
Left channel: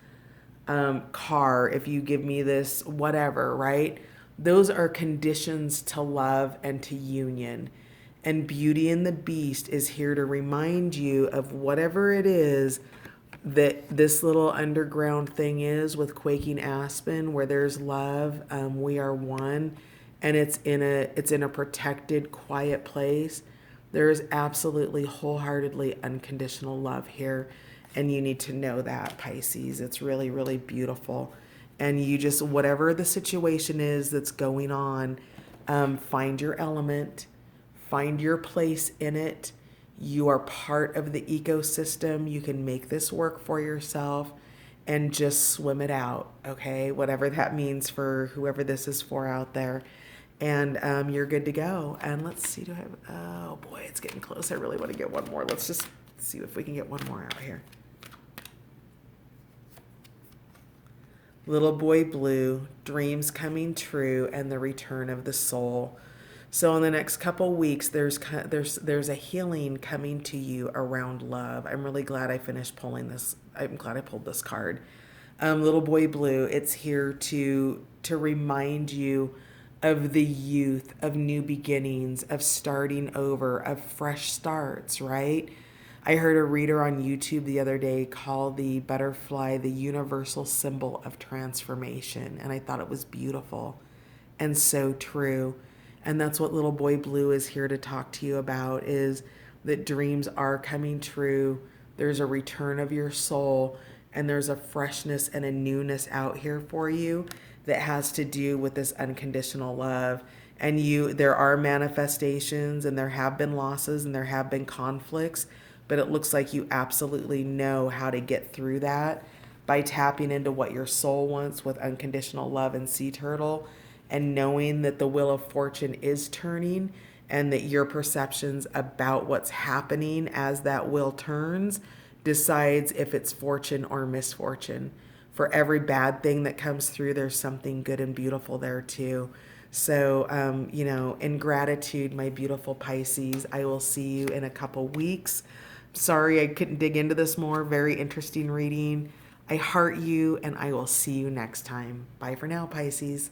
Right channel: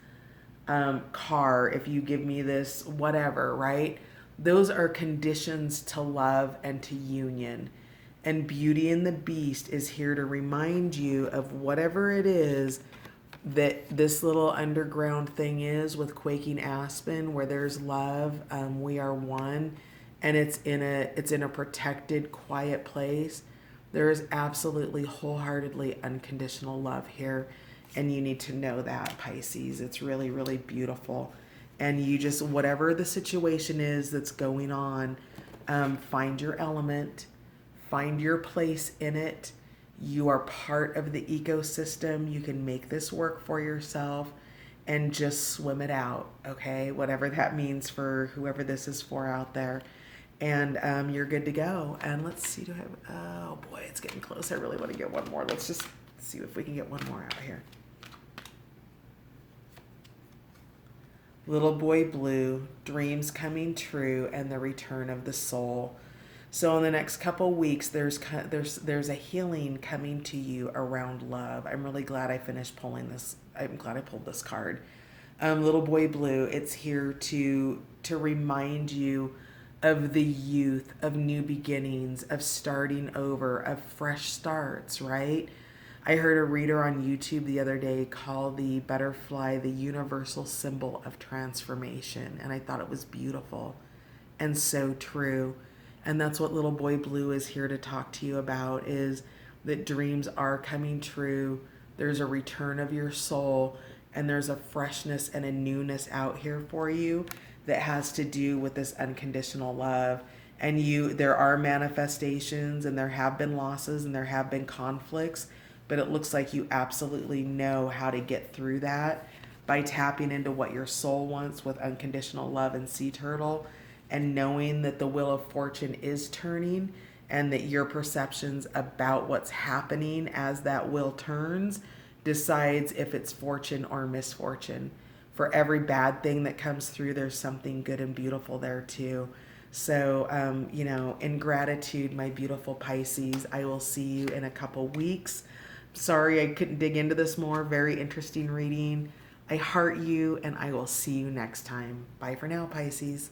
car, if you give me this whatever, right? Those are conditions to love and to union. And Beauty and the Beast is here to remind you of whatever it is that this little underground thing is with Quaking Aspen, where there's love. We are one, and it's in a protected, quiet place. There is absolutely wholeheartedly unconditional love here, and you need to know that, Pisces. It's really, really beautiful. And you just, whatever the situation is that's going on, find your element, find your place in it. You are part of the ecosystem. You can make this work for yourself and just swim it out, okay? Whatever that means for whoever this is for out there. And you're good to go. And let's see, oh boy, it's getting close. I really want to get one more. Let's just see if we can get one more out here. Little Boy Blue, dreams coming true, and the return of the soul. So in the next couple weeks, there's a healing coming to you around love. I'm really glad I finished pulling this. I'm glad I pulled this card. Little Boy Blue, it's here to remind you of the youth, of new beginnings, of starting over, of fresh starts, right? I heard a reader on YouTube the other day call the butterfly the universal symbol of transformation, and I thought it was beautiful and so true. And that's what Little Boy Blue is here to talk to you about, is that dreams are coming true. There's a return of your soul, and there's a freshness and a newness out here for you that has to do with this unconditional love. And there are manifestations, and there have been losses, and there have been conflicts, but it looks like you absolutely know how to get through that by tapping into what your soul wants with unconditional love and sea turtle, and knowing that the wheel of fortune is turning, and that your perceptions about what's happening as that wheel turns decides if it's fortune or misfortune. For every bad thing that comes through, there's something good and beautiful there too. So, in gratitude, my beautiful Pisces, I will see you in a couple weeks. Sorry I couldn't dig into this more. Very interesting reading. I heart you, and I will see you next time. Bye for now, Pisces.